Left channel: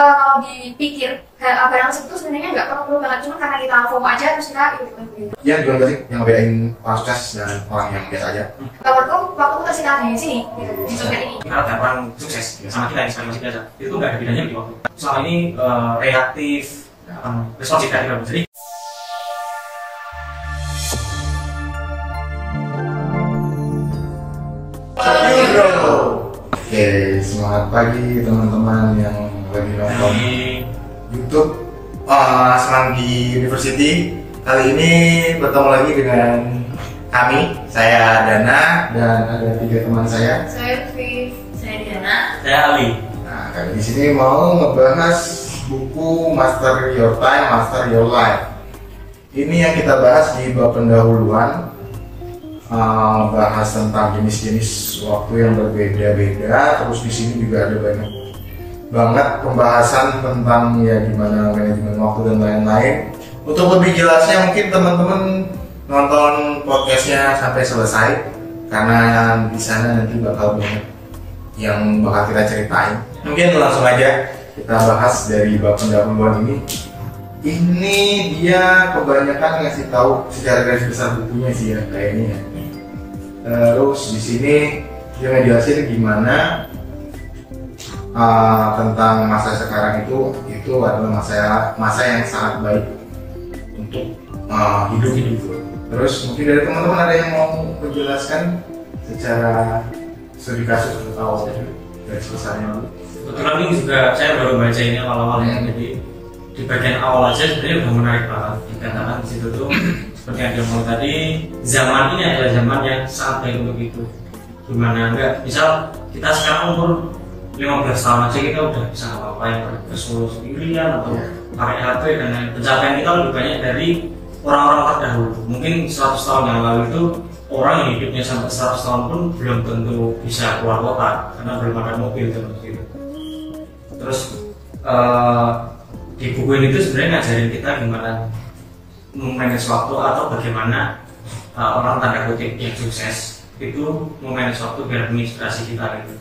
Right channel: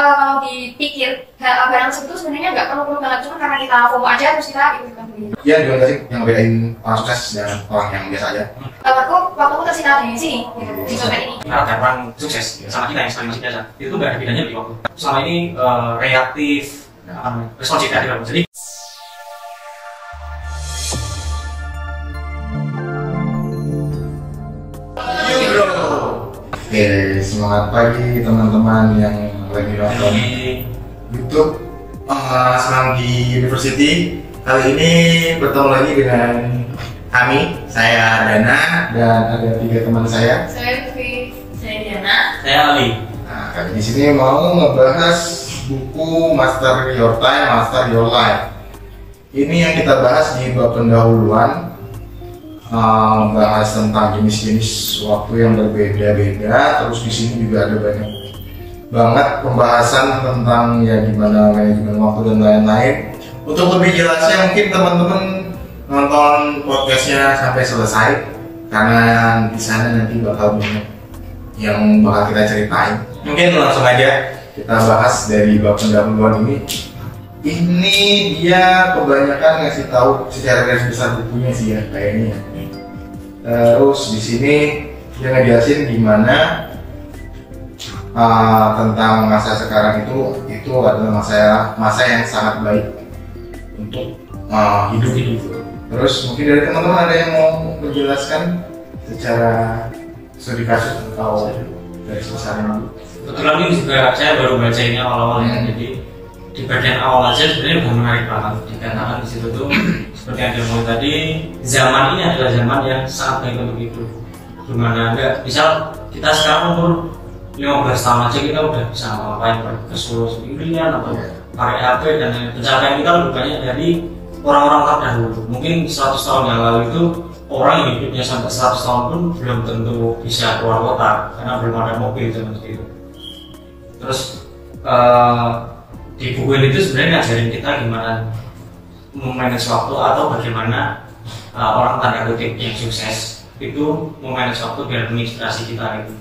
kalau dipikir barang tersebut sebenarnya nggak perlu banget, cuma karena kita FOMO aja terus kita ikut-ikutan beli. Iya, juga nggak sih yang bedain orang sukses dan orang yang biasa aja? Waktu aku tersita di sini, gitu, di sosmed ini. Dan orang sukses sama kita yang sekarang masih biasa, itu tuh nggak ada bedanya di waktu. Selama ini reaktif, responsif ya. Jadi Oke, semangat pagi teman-teman yang lagi nonton YouTube Semanggi University. Kali ini bertemu lagi dengan kami, saya Dana dan ada 3 teman saya. Saya Lutfi, saya Diana, saya Ali. Nah, kali di sini mau ngebahas buku Master Your Time, Master Your Life. Ini yang kita bahas di bab pendahuluan. Membahas tentang jenis-jenis waktu yang berbeda-beda. Terus di sini juga ada banyak banget pembahasan tentang ya gimana manajemen waktu dan lain-lain. Untuk lebih jelasnya mungkin teman-teman nonton podcastnya sampai selesai, karena di sana nanti bakal banyak yang bakal kita ceritain. Mungkin langsung aja kita bahas dari bab pendahuluan ini. Ini dia kebanyakan ngasih tahu secara garis besar bukunya sih ya kayaknya. Terus di sini dia ngejelasin gimana tentang masa sekarang itu adalah masa yang sangat baik untuk hidup. Terus mungkin dari teman-teman ada yang mau menjelaskan secara studi kasus atau garis besarnya dulu? Kebetulan ini juga saya baru baca ini awal-awal ya, jadi di bagian awal aja sebenarnya udah menarik banget. Dikatakan di situ tuh seperti yang dia tadi, zaman ini adalah zaman yang sangat baik untuk itu. Dimana enggak, misal kita sekarang umur 15 tahun aja kita udah bisa ngapain, ke Solo sendirian atau pakai HP dan lain. Pencapaian kita lebih banyak dari orang-orang terdahulu. Mungkin 100 tahun yang lalu itu orang yang hidupnya sampai 100 tahun pun belum tentu bisa keluar kota karena belum ada mobil zaman itu. Terus di buku ini tuh sebenarnya ngajarin kita gimana memanage waktu atau bagaimana orang tanda kutip yang sukses itu memanage waktu biar menginspirasi kita gitu.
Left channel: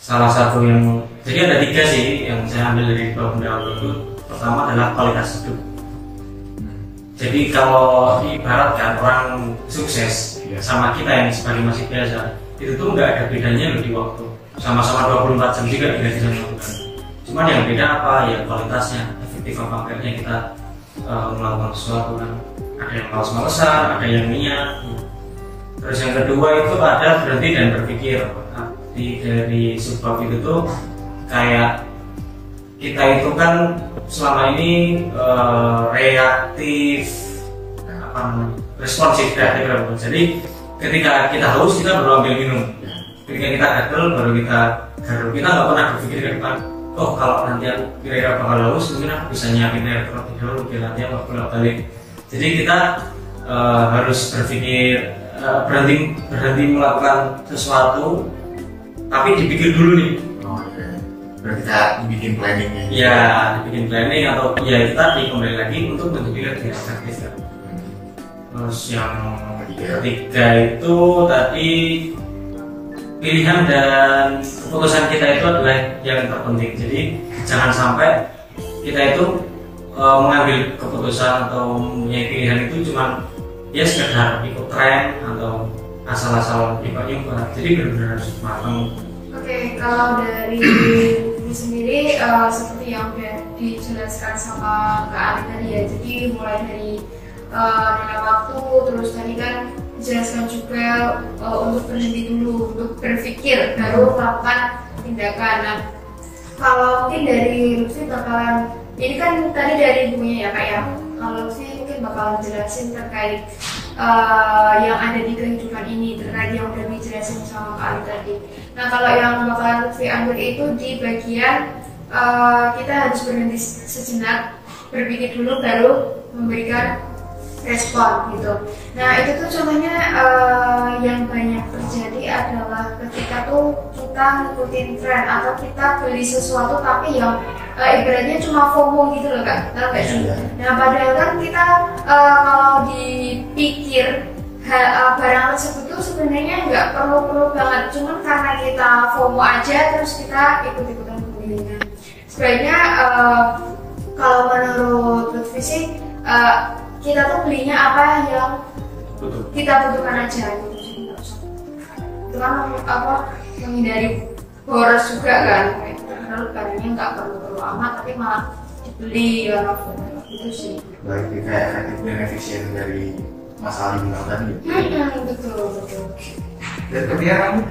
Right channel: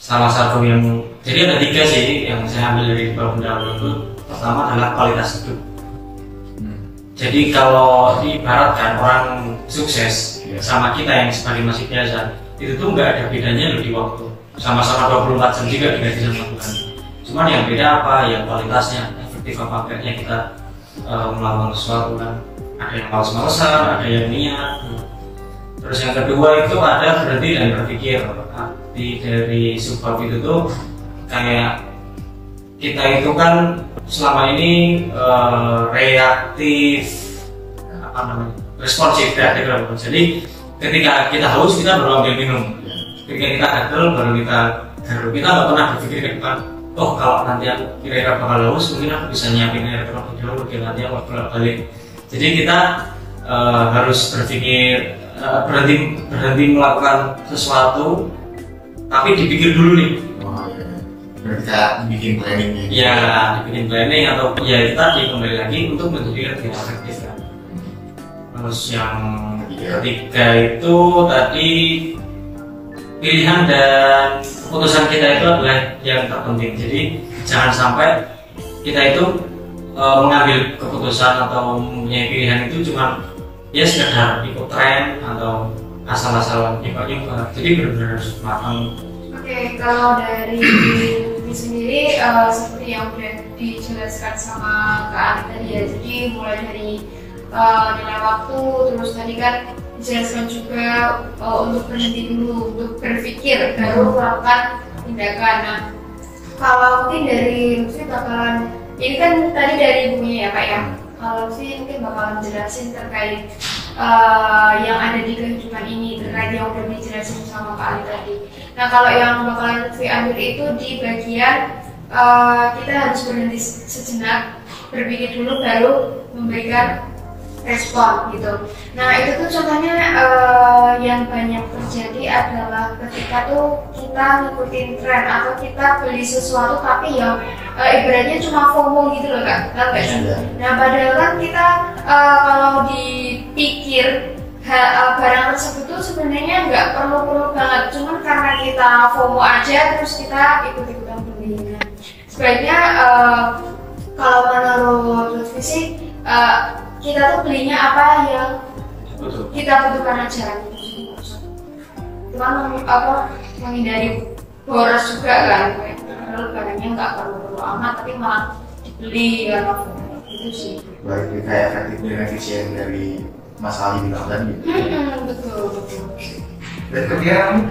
Salah satu yang jadi ada 3 sih yang saya ambil dari bab pendahuluan itu. Pertama adalah kualitas hidup. Jadi kalau diibaratkan orang sukses sama kita yang sebagai masih biasa itu tuh nggak ada bedanya loh di waktu. Sama-sama 24 jam juga tidak bisa melakukan. Cuman yang beda apa? Ya kualitasnya, efektif apa enggaknya kita melakukan sesuatu kan. Ada yang males-malesan, ada yang niat. Terus yang kedua itu ada berhenti dan berpikir. Arti dari subbab itu tuh kayak kita itu kan selama ini reaktif, responsif reaktif. Jadi ketika kita haus kita baru ambil minum. Ketika kita gatel baru kita garuk. Kita nggak pernah berpikir ke depan. Oh kalau nanti aku kira-kira bakal haus, mungkin aku bisa nyiapin air terlebih dahulu biar nanti aku balik. Jadi kita harus berpikir berhenti melakukan sesuatu, tapi dipikir dulu nih. Oh iya. Berarti kita bikin planning nih. Ya, dibikin planning atau ya kita kembali lagi untuk menjadi lebih efektif kan. Terus yang ketiga itu tadi pilihan dan keputusan kita itu adalah yang terpenting. Jadi jangan sampai kita itu mengambil keputusan atau mempunyai pilihan itu cuma ya sekedar ikut tren atau asal-asalan nyoba. Jadi benar-benar harus matang. Oke, kalau dari ini sendiri seperti yang udah dijelaskan sama Kak Ali tadi ya. Jadi mulai dari nilai waktu, terus tadi kan dijelaskan juga untuk berhenti dulu, untuk berpikir, baru melakukan tindakan. Nah, kalau mungkin dari Lutfi bakalan, ini kan tadi dari bukunya ya Pak ya. Kalau Lutfi mungkin bakalan jelasin terkait yang ada di kehidupan ini, terkait yang udah dijelasin sama Kak Ali tadi. Nah, kalau yang bakalan Lutfi ambil itu di bagian kita harus berhenti sejenak, berpikir dulu baru memberikan respon gitu. Nah itu tuh contohnya yang banyak terjadi adalah ketika tuh kita ngikutin tren atau kita beli sesuatu tapi yang ibaratnya cuma FOMO gitu loh Kak, nggak sih? Nah padahal kan kita kalau dipikir barang tersebut tuh sebenarnya nggak perlu banget, cuman karena kita FOMO aja terus kita ikut-ikutan beli. Nah, sebaiknya kalau menurut Lutfi sih kita tuh belinya apa yang kita butuhkan aja gitu. Jadi nggak usah itu kan menghindari boros juga kan, padahal barangnya nggak perlu amat tapi malah dibeli karena itu sih. Baik, kayak efektif dan efisien dari Mas Ali bilang tadi. Betul. Dan kemudian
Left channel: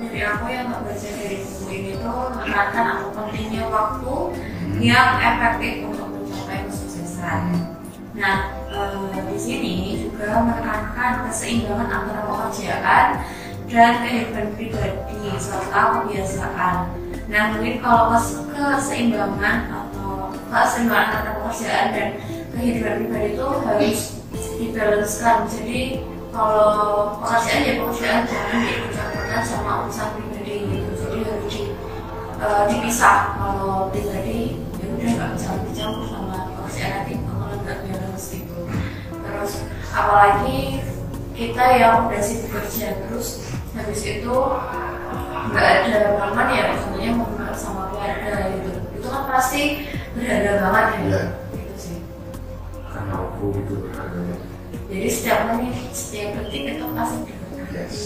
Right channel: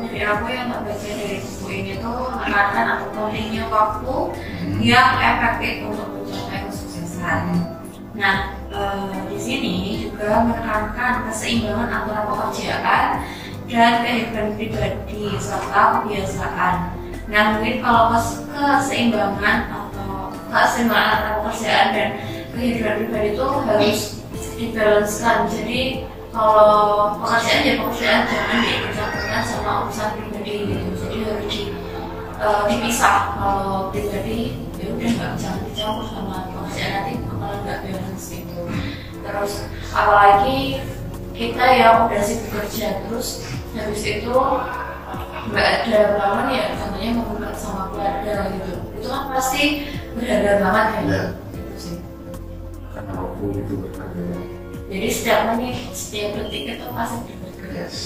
dari aku yang nggak baca dari buku ini tuh menekankan atau pentingnya waktu yang efektif untuk mencapai kesuksesan. Nah, di sini juga menekankan keseimbangan antara pekerjaan dan kehidupan pribadi serta kebiasaan. Nah, mungkin kalau keseimbangan antara pekerjaan dan kehidupan pribadi itu harus dibalancekan. Jadi kalau pekerjaan ya pekerjaan, jangan diikut-ikutan sama urusan pribadi gitu. Jadi harus dipisah. Kalau pribadi ya udah jangan dicampur sama pekerjaan, nanti malah nggak balance gitu. Terus apalagi kita yang udah sibuk kerja terus habis itu nggak ada momen ya contohnya ngobrol sama keluarga gitu, itu kan pasti berharga banget ya. Gitu sih. Karena waktu itu berharga. Jadi setiap menit, setiap detik itu pasti berharga. Yes.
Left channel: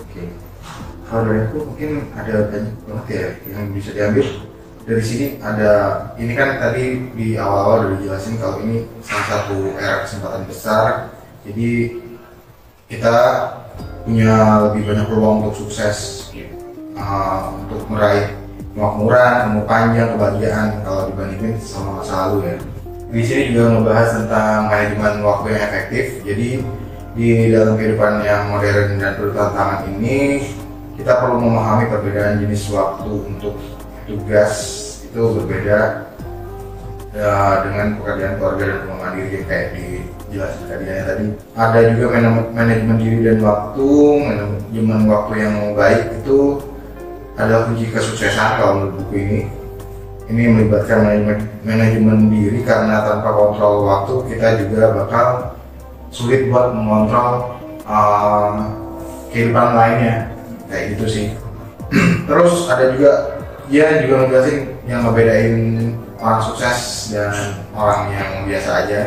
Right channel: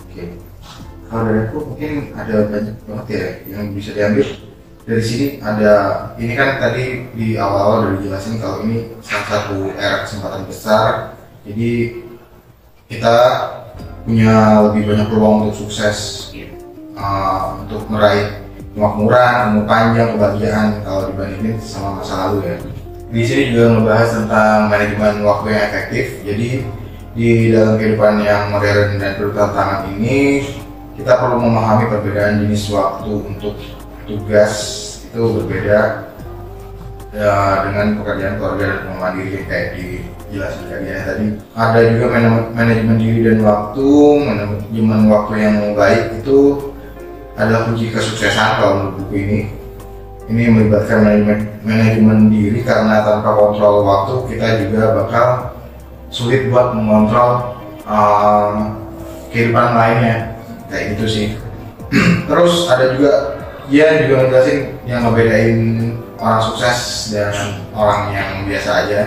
Oke. Kalau dari aku mungkin ada banyak banget ya yang bisa diambil dari sini. Ada ini kan tadi di awal-awal udah dijelasin kalau ini salah satu era kesempatan besar. Jadi kita punya lebih banyak peluang untuk sukses, untuk meraih kemakmuran, umur panjang, kebahagiaan kalau dibandingin sama masa lalu ya. Di sini juga membahas tentang manajemen waktu yang efektif. Jadi di dalam kehidupan yang modern dan bertantangan ini, kita perlu memahami perbedaan jenis waktu untuk tugas itu berbeda ya, dengan pekerjaan keluarga dan rumah mandiri kayak dijelaskan tadi. Ada juga manajemen diri dan waktu. Manajemen waktu yang baik itu adalah kunci kesuksesan kalau menurut buku ini. Ini melibatkan manajemen diri karena tanpa kontrol waktu kita juga bakal sulit buat mengontrol kehidupan lainnya kayak gitu sih. Terus ada juga dia juga ngejelasin yang ngebedain orang sukses dan orang yang biasa aja,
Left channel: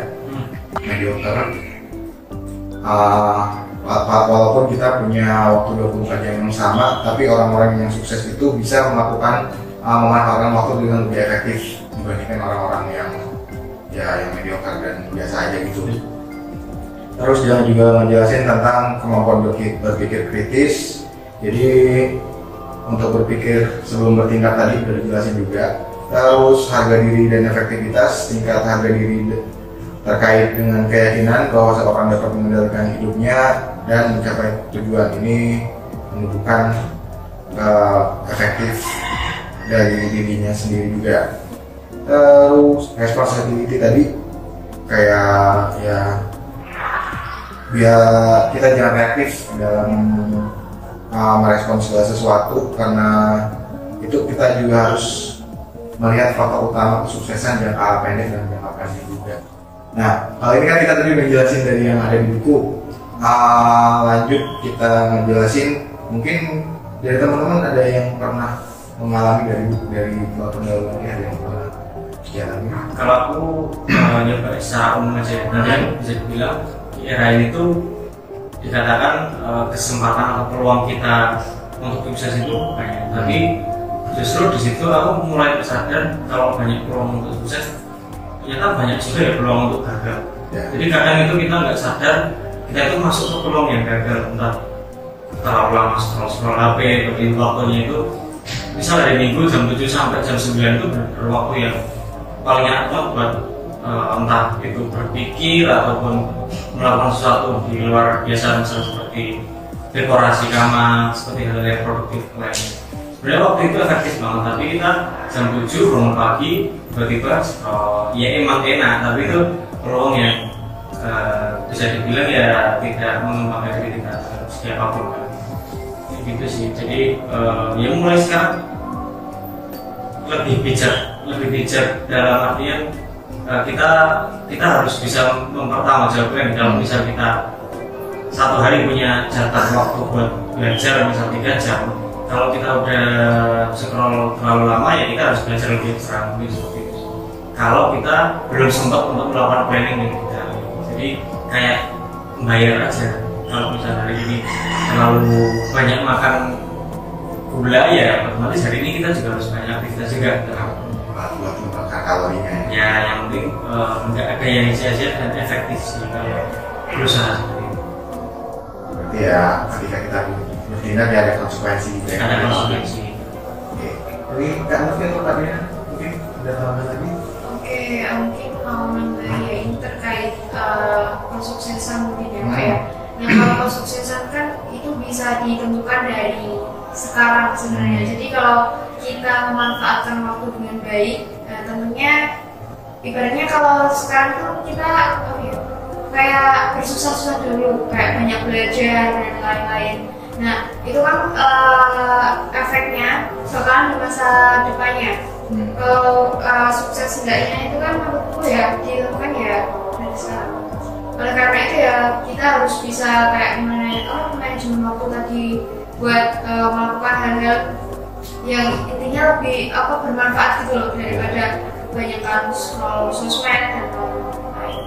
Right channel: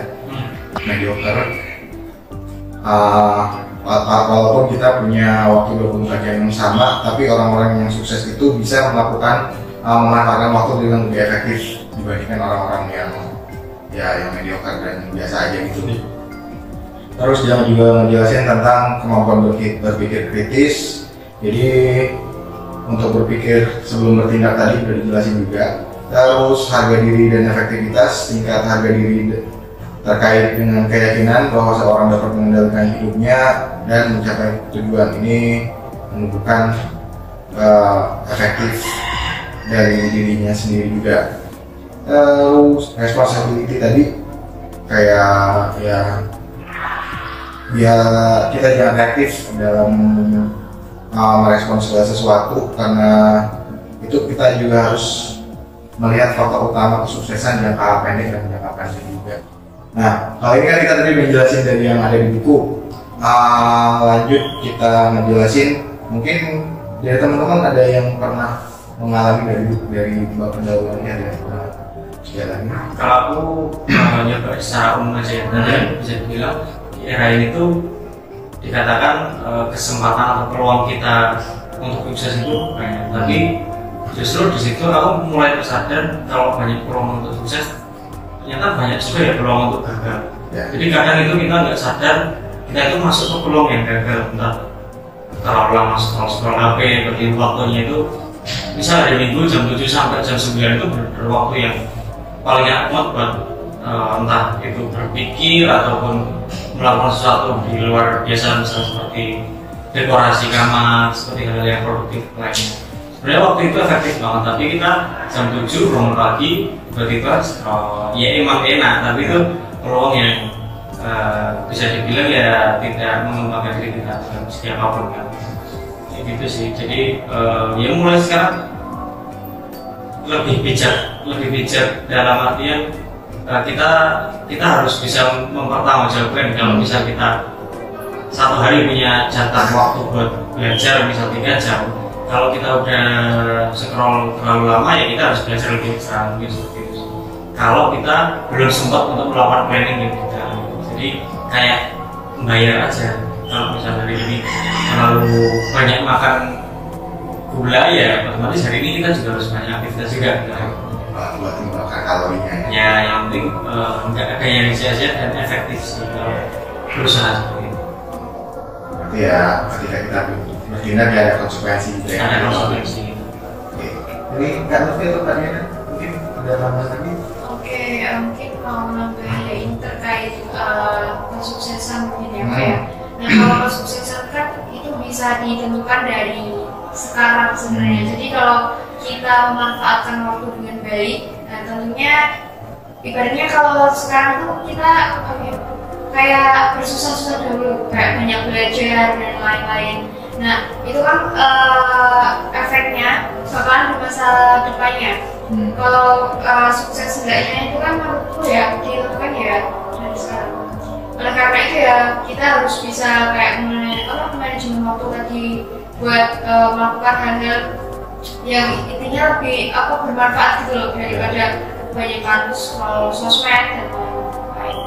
mediocre. Walaupun kita punya waktu 24 jam yang sama, tapi orang-orang yang sukses itu bisa memanfaatkan waktu dengan lebih efektif dibandingkan orang-orang yang mediocre dan biasa aja gitu. Terus dia juga ngejelasin tentang kemampuan berpikir kritis. Jadi untuk berpikir sebelum bertindak tadi udah dijelasin juga. Terus harga diri dan efektivitas, tingkat harga diri terkait dengan keyakinan bahwa seorang dapat mengendalikan hidupnya dan mencapai tujuan. Ini menunjukkan efektif dari dirinya sendiri juga. Terus responsibility tadi kayak ya biar kita jangan reaktif dalam merespons segala sesuatu, karena itu kita juga harus melihat faktor utama kesuksesan jangka pendek dan jangka panjang juga. Nah, kali ini kan kita tadi udah jelasin dari yang ada di buku. Lanjut kita ngejelasin, mungkin dari teman-teman ada yang pernah mengalami dari pendahuluan ya, yang pernah jalan. Kalau aku nyoba secara umum aja ya, bisa dibilang era ini tuh dikatakan kesempatan atau peluang kita untuk sukses itu banyak. Tapi justru di situ aku mulai tersadar kalau banyak peluang untuk sukses, ternyata banyak juga ya peluang untuk gagal. Ya. Jadi kadang itu kita nggak sadar kita itu masuk ke peluang yang gagal, entah terlalu lama scroll HP, bagi waktunya itu misal dari minggu jam 7 sampai jam 9 itu berwaktu yang paling enak buat entah itu berpikir ataupun melakukan sesuatu di luar biasa, misalnya seperti dekorasi kamar, seperti hal yang produktif lainnya. Sebenarnya waktu itu efektif banget, tapi kita jam 7 bangun pagi tiba-tiba ya emang enak, tapi itu peluang yang bisa dibilang ya tidak mengembangkan diri kita siapapun kan. Gitu sih. Jadi ya mulai sekarang lebih bijak dalam artian kita harus bisa mempertanggungjawabkan. Kalau misal kita satu hari punya jatah waktu buat belajar misal 3 jam, Kalau kita udah scroll terlalu lama ya kita harus belajar lebih ekstra mungkin seperti itu. Kalau kita belum sempat untuk melakukan planning di kita, jadi kayak membayar aja. Kalau misalnya hari ini terlalu banyak makan gula ya otomatis hari ini kita juga harus banyak aktivitas juga gitu. Buat membakar kalorinya ya. Ya yang penting nggak ada yang sia-sia dan efektif sih kalau berusaha seperti itu. Berarti ya ketika kita bertindak ya ada konsekuensi gitu ya. Ada konsekuensi. Oke. Jadi Kak Novi atau Kak Diana mungkin ada tambahan lagi? Oke, mungkin mau nambahin terkait kesuksesan mungkin ya Pak ya. Nah kalau kesuksesan kan itu bisa ditentukan dari sekarang sebenarnya. Jadi kalau kita memanfaatkan waktu dengan baik, nah tentunya ibaratnya kalau sekarang tuh kita kayak bersusah-susah dulu, kayak banyak belajar dan lain-lain. Nah itu kan efeknya bakalan di masa depannya. Kalau sukses enggaknya itu kan menurutku ya ditentukan ya dari sekarang. Oleh karena itu ya kita harus bisa kayak manajemen waktu tadi buat melakukan hal-hal yang intinya lebih bermanfaat gitu loh daripada banyakkan scroll sosmed dan lain-lain.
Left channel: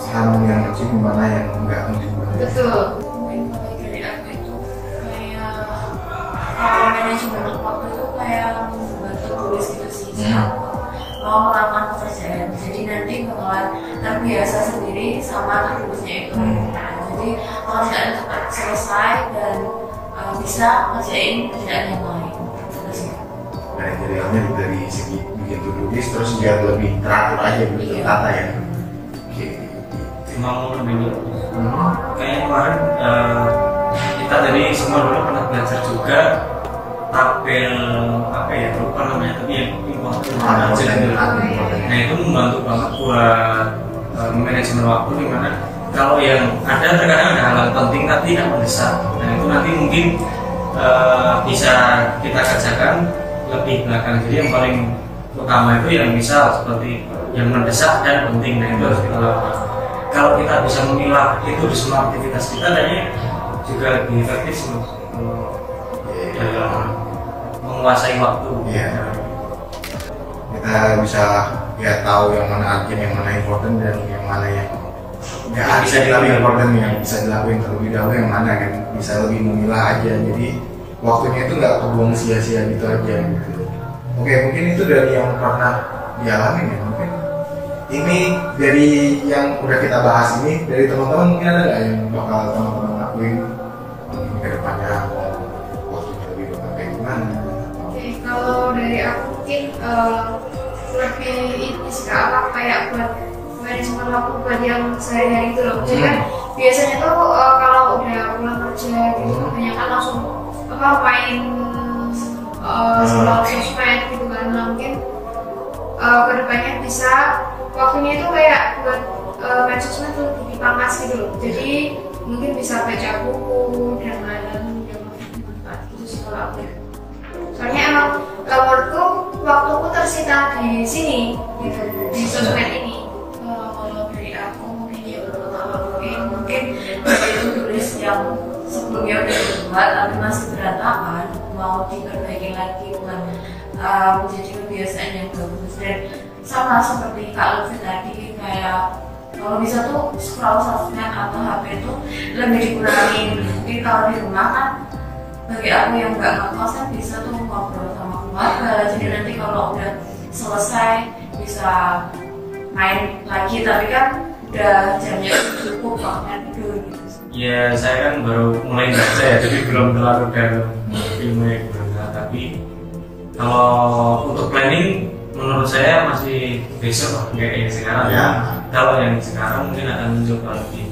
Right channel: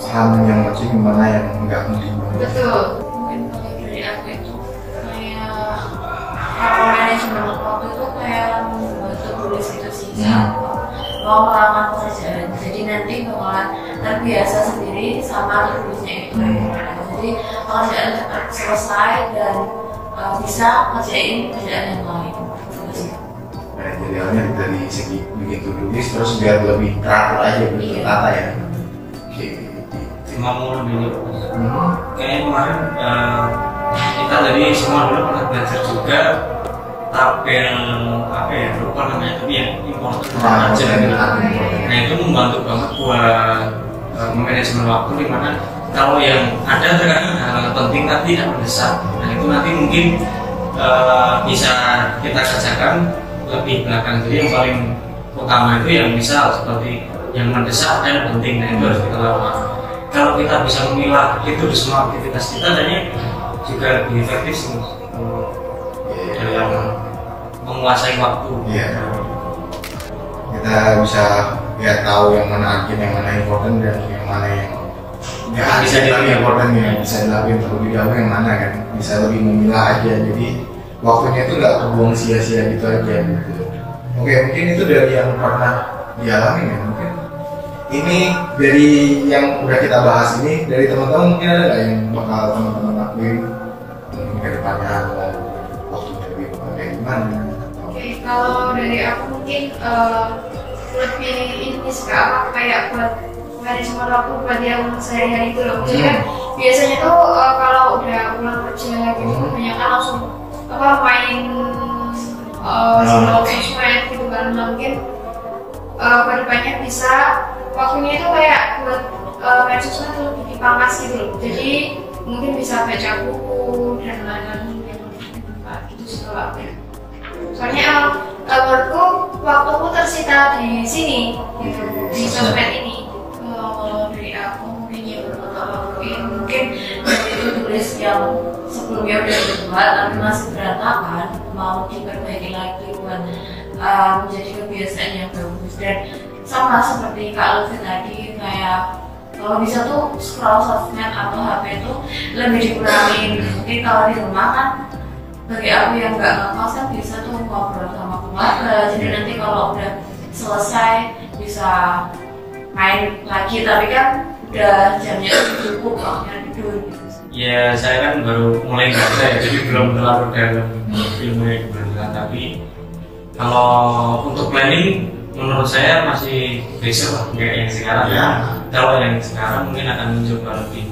Paham yang penting mana yang enggak penting banget. Betul. Mungkin kalau dari aku itu kayak kalau manajemen waktu itu kayak membantu tulis gitu sih. Mau melakukan pekerjaan, jadi nanti bakalan terbiasa sendiri sama tulisnya itu. Jadi pekerjaan cepat selesai dan bisa ngerjain kerjaan yang lain. Manajerialnya dari segi bikin tulis terus biar lebih teratur aja gitu, tertata ya. Oke. Cuma mau lebih kayak kemarin kita tadi semua dulu pernah belajar juga tabel apa ya lupa namanya tapi yang important aja gitu. Nah itu membantu banget buat manajemen waktu dimana kalau yang ada terkadang ada hal penting tapi tidak mendesak. Nah itu nanti mungkin bisa kita kerjakan lebih belakang. Jadi yang paling utama itu yang misal seperti yang mendesak dan penting. Nah itu harus kita lakukan. Kalau kita bisa memilah itu di semua aktivitas kita, kayaknya juga lebih efektif sih dalam menguasai waktu. Iya. Kita bisa ya tahu yang mana urgent, yang mana important dan yang mana yang nggak bisa dilakukan yang bisa dilakukan terlebih dahulu yang mana kan bisa lebih memilah aja. Jadi waktunya itu nggak terbuang sia-sia gitu aja gitu. Oke, mungkin itu dari yang pernah dialami ya. Mungkin ini dari yang udah kita bahas ini dari teman-teman mungkin ada nggak yang bakal teman-teman lakuin ke depannya mau waktunya lebih kayak gimana? Oke, kalau dari aku mungkin lebih ini sih kayak buat manajemen waktu buat yang sehari-hari itu loh. Jadi kan biasanya tuh kalau udah pulang kerja gitu banyak kan langsung main scroll sosmed gitu kan. Nah, mungkin kedepannya bisa waktunya itu kayak buat main sosmed tuh lebih dipangkas gitu loh. Jadi mungkin bisa baca buku dan lain-lain yang bermanfaat gitu sih kalau aku ya. Soalnya emang menurutku waktuku tersita di sini gitu, di sosmed ini. Kalau dari aku mungkin ya mungkin dari itu tulis yang sebelumnya udah dibuat tapi masih berantakan mau diperbaiki lagi buat menjadi kebiasaan yang bagus. Dan sama seperti Kak Lutfi tadi kayak kalau bisa tuh scroll sosmed atau HP itu lebih dikurangin. Mungkin kalau di rumah kan bagi aku yang nggak ngekos kan bisa tuh ngobrol sama keluarga. Jadi nanti kalau udah selesai bisa main lagi tapi kan udah jamnya cukup waktunya tidur gitu. Ya saya kan baru mulai baca ya jadi belum terlalu dalam ilmunya gimana. Tapi kalau untuk planning menurut saya masih besok lah kayak yang sekarang ya. Kalau yang sekarang mungkin akan mencoba lebih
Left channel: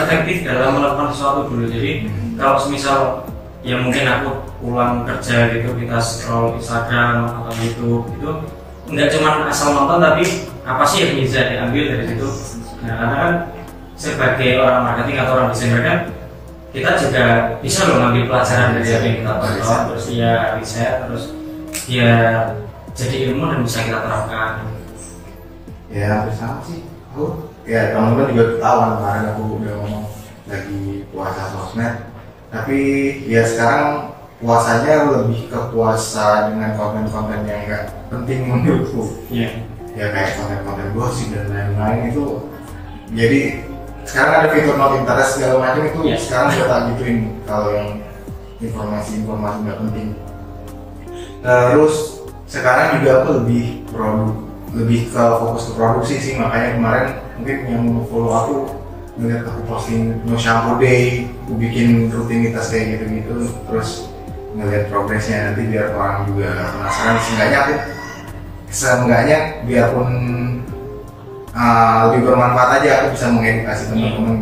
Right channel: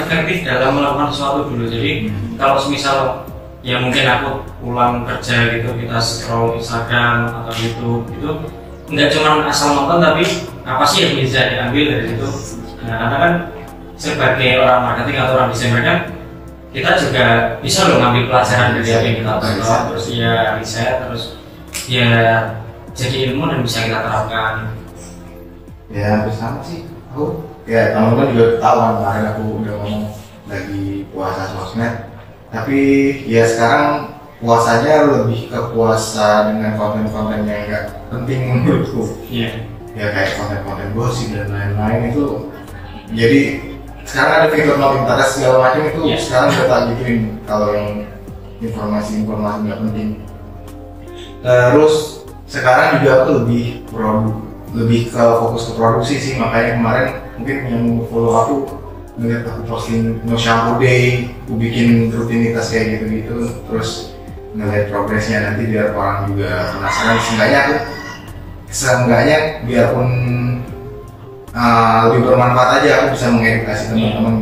efektif dalam melakukan sesuatu dulu. Jadi kalau semisal ya mungkin aku pulang kerja gitu kita scroll Instagram atau YouTube itu nggak cuma asal nonton tapi apa sih yang bisa diambil dari situ. Nah karena kan sebagai orang marketing atau orang desainer kan kita juga bisa loh ngambil pelajaran dari apa yang kita tonton terus ya riset terus ya jadi ilmu dan bisa kita terapkan. Ya hampir sama sih aku ya teman-teman juga tahu kan kemarin aku udah ngomong lagi puasa sosmed tapi ya sekarang puasanya lebih ke puasa dengan konten-konten yang nggak penting menurutku. Ya kayak konten-konten gosip dan lain-lain itu. Jadi sekarang ada fitur not interest segala macam itu sekarang udah tak gituin kalau yang informasi-informasi nggak penting. Terus sekarang juga aku lebih ke fokus ke produksi sih, makanya kemarin mungkin yang follow aku ngeliat aku posting no shampoo day, aku bikin rutinitas kayak gitu-gitu, terus ngeliat progresnya nanti biar orang juga penasaran. Seenggaknya biarpun lebih bermanfaat aja, aku bisa mengedukasi teman-teman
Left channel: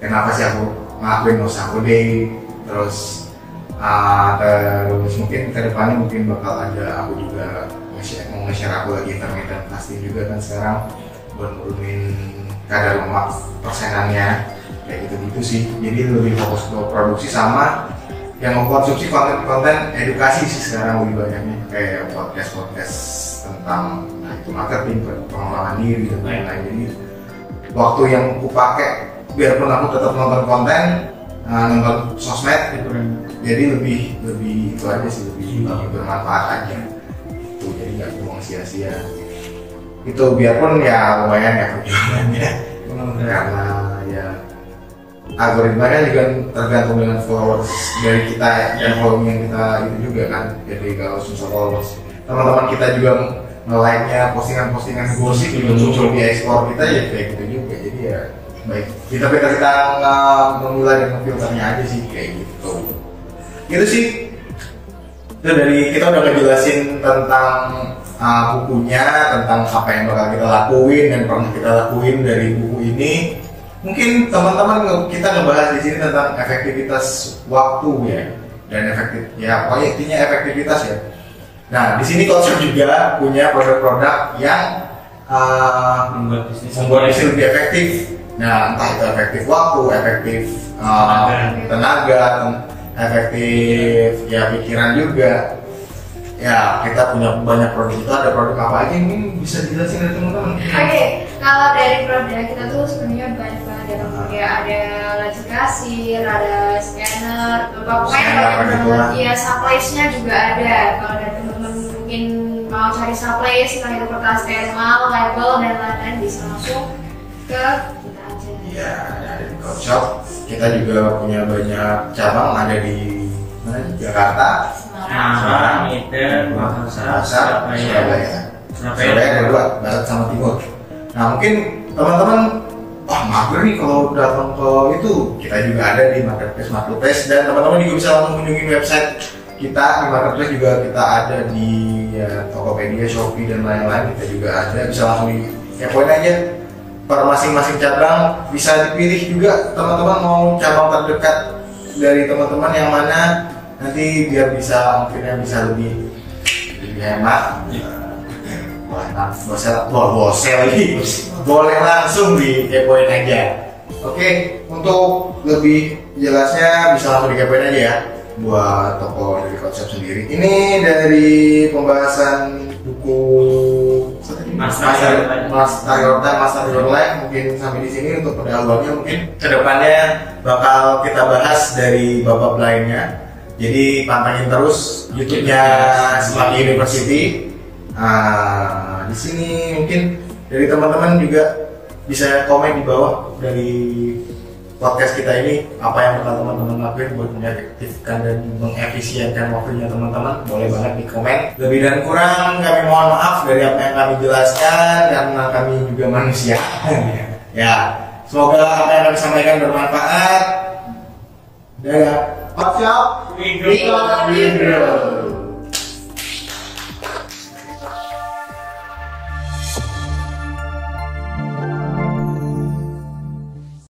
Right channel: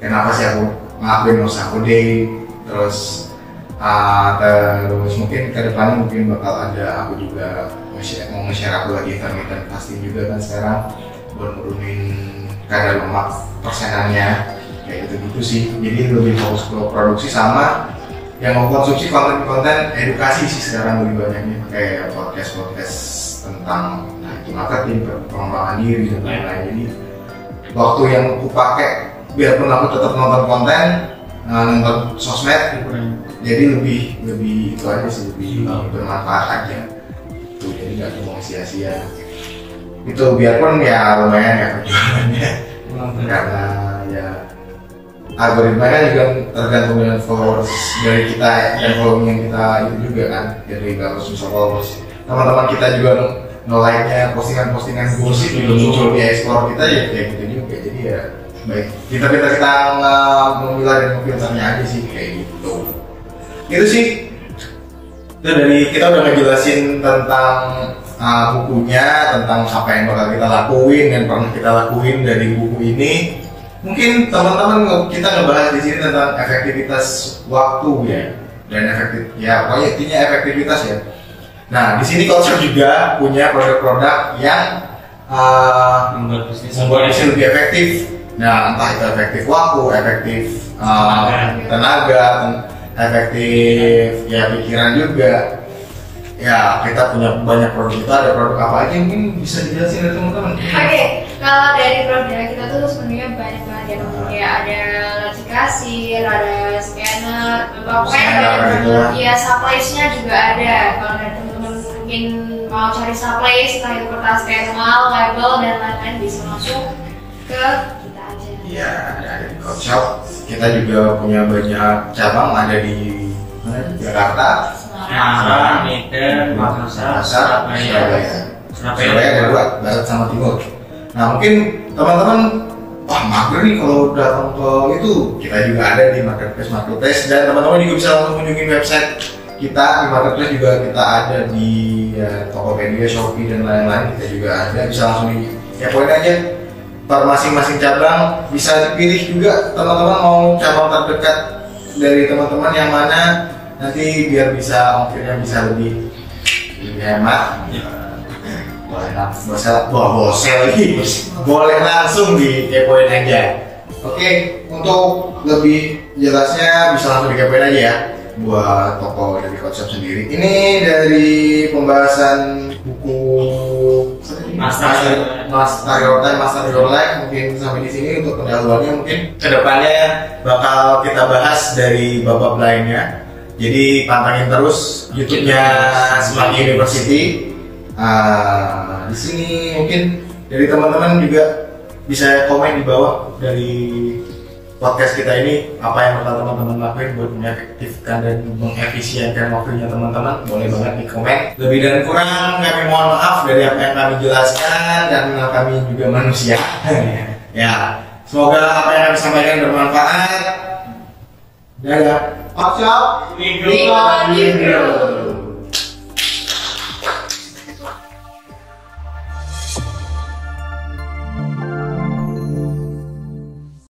kenapa sih aku ngelakuin no shampoo day, terus mungkin kedepannya mungkin bakal ada aku juga mau nge-share aku lagi intermittent fasting juga kan sekarang buat nurunin kadar lemak persenannya kayak gitu-gitu sih. Jadi lebih fokus ke produksi sama yang mau konsumsi konten edukasi sih sekarang lebih banyaknya, kayak podcast tentang marketing, pengembangan diri dan lain-lain. Jadi waktu yang aku pakai biarpun aku tetap nonton konten, nonton sosmed gitu kan, jadi lebih itu aja sih, lebih bermanfaat aja itu, jadi nggak cuma sia-sia itu. Biarpun ya lumayan ya perjuangannya karena ya algoritma kan juga tergantung dengan followers dari kita dan following yang kita itu juga kan. Jadi kalau susah followers, teman-teman kita juga nge-like-nya postingan gosip juga muncul di explore kita ya kayak gitu juga. Jadi ya baik, kita memilah dan memfilternya aja sih kayak gitu. Itu sih, itu dari kita udah ngejelasin tentang bukunya, tentang apa yang bakal kita lakuin dan pernah kita lakuin dari buku ini. Mungkin teman-teman kita ngebahas di sini tentang efektivitas waktu ya, dan pokoknya intinya efektivitas ya. Nah di sini Coach juga punya produk-produk yang membuat bisnis lebih efektif. Nah entah itu efektif waktu, efektif tenaga, efektif ya pikiran juga. Ya kita punya banyak produk. Itu ada produk apa aja mungkin bisa dijelasin dari teman-teman? Oke, kalau dari produk kita tuh sebenarnya banyak banget ya teman. Kayak ada laci kasir, ada scanner, pokoknya banyak banget. Ya supplies-nya juga ada. Kalau dari teman-teman mungkin mau cari supplies, entah itu kertas thermal, label dan lain-lain, bisa langsung ke kita aja. Iya, ada di Coach Shop. Kita juga punya banyak cabang, ada di Jakarta, Semarang, Medan, Makassar, Surabaya. Surabaya ada dua, barat sama timur. Nah mungkin teman-teman, wah mager nih kalau datang ke itu, kita juga ada di marketplace dan teman-teman juga bisa langsung kunjungi website kita. Di marketplace juga kita ada di Tokopedia, Shopee dan lain-lain, kita juga ada, bisa langsung poin aja per masing-masing cabang. Bisa dipilih juga teman-teman mau cabang terdekat dari teman-teman yang mana, nanti biar bisa ongkirnya bisa lebih hemat. Boleh langsung dikepoin aja. Oke, untuk lebih jelasnya bisa langsung dikepoin aja ya buat toko dari Coach Shop sendiri. Ini dari pembahasan buku Master Your Life mungkin sampai di sini untuk pendahuluannya. Mungkin kedepannya bakal kita bahas dari bab-bab lainnya. Jadi pantengin terus YouTube-nya Semanggi University. Di sini mungkin dari teman-teman juga bisa komen di bawah dari podcast kita ini apa yang bakal teman-teman lakuin buat mengefektifkan dan mengefisienkan waktunya teman-teman. Boleh banget di komen. Lebih dan kurang kami mohon maaf dari apa yang kami jelaskan karena kami juga manusia. Ya, semoga apa yang kami sampaikan bermanfaat. Dadah. Watch out, we go.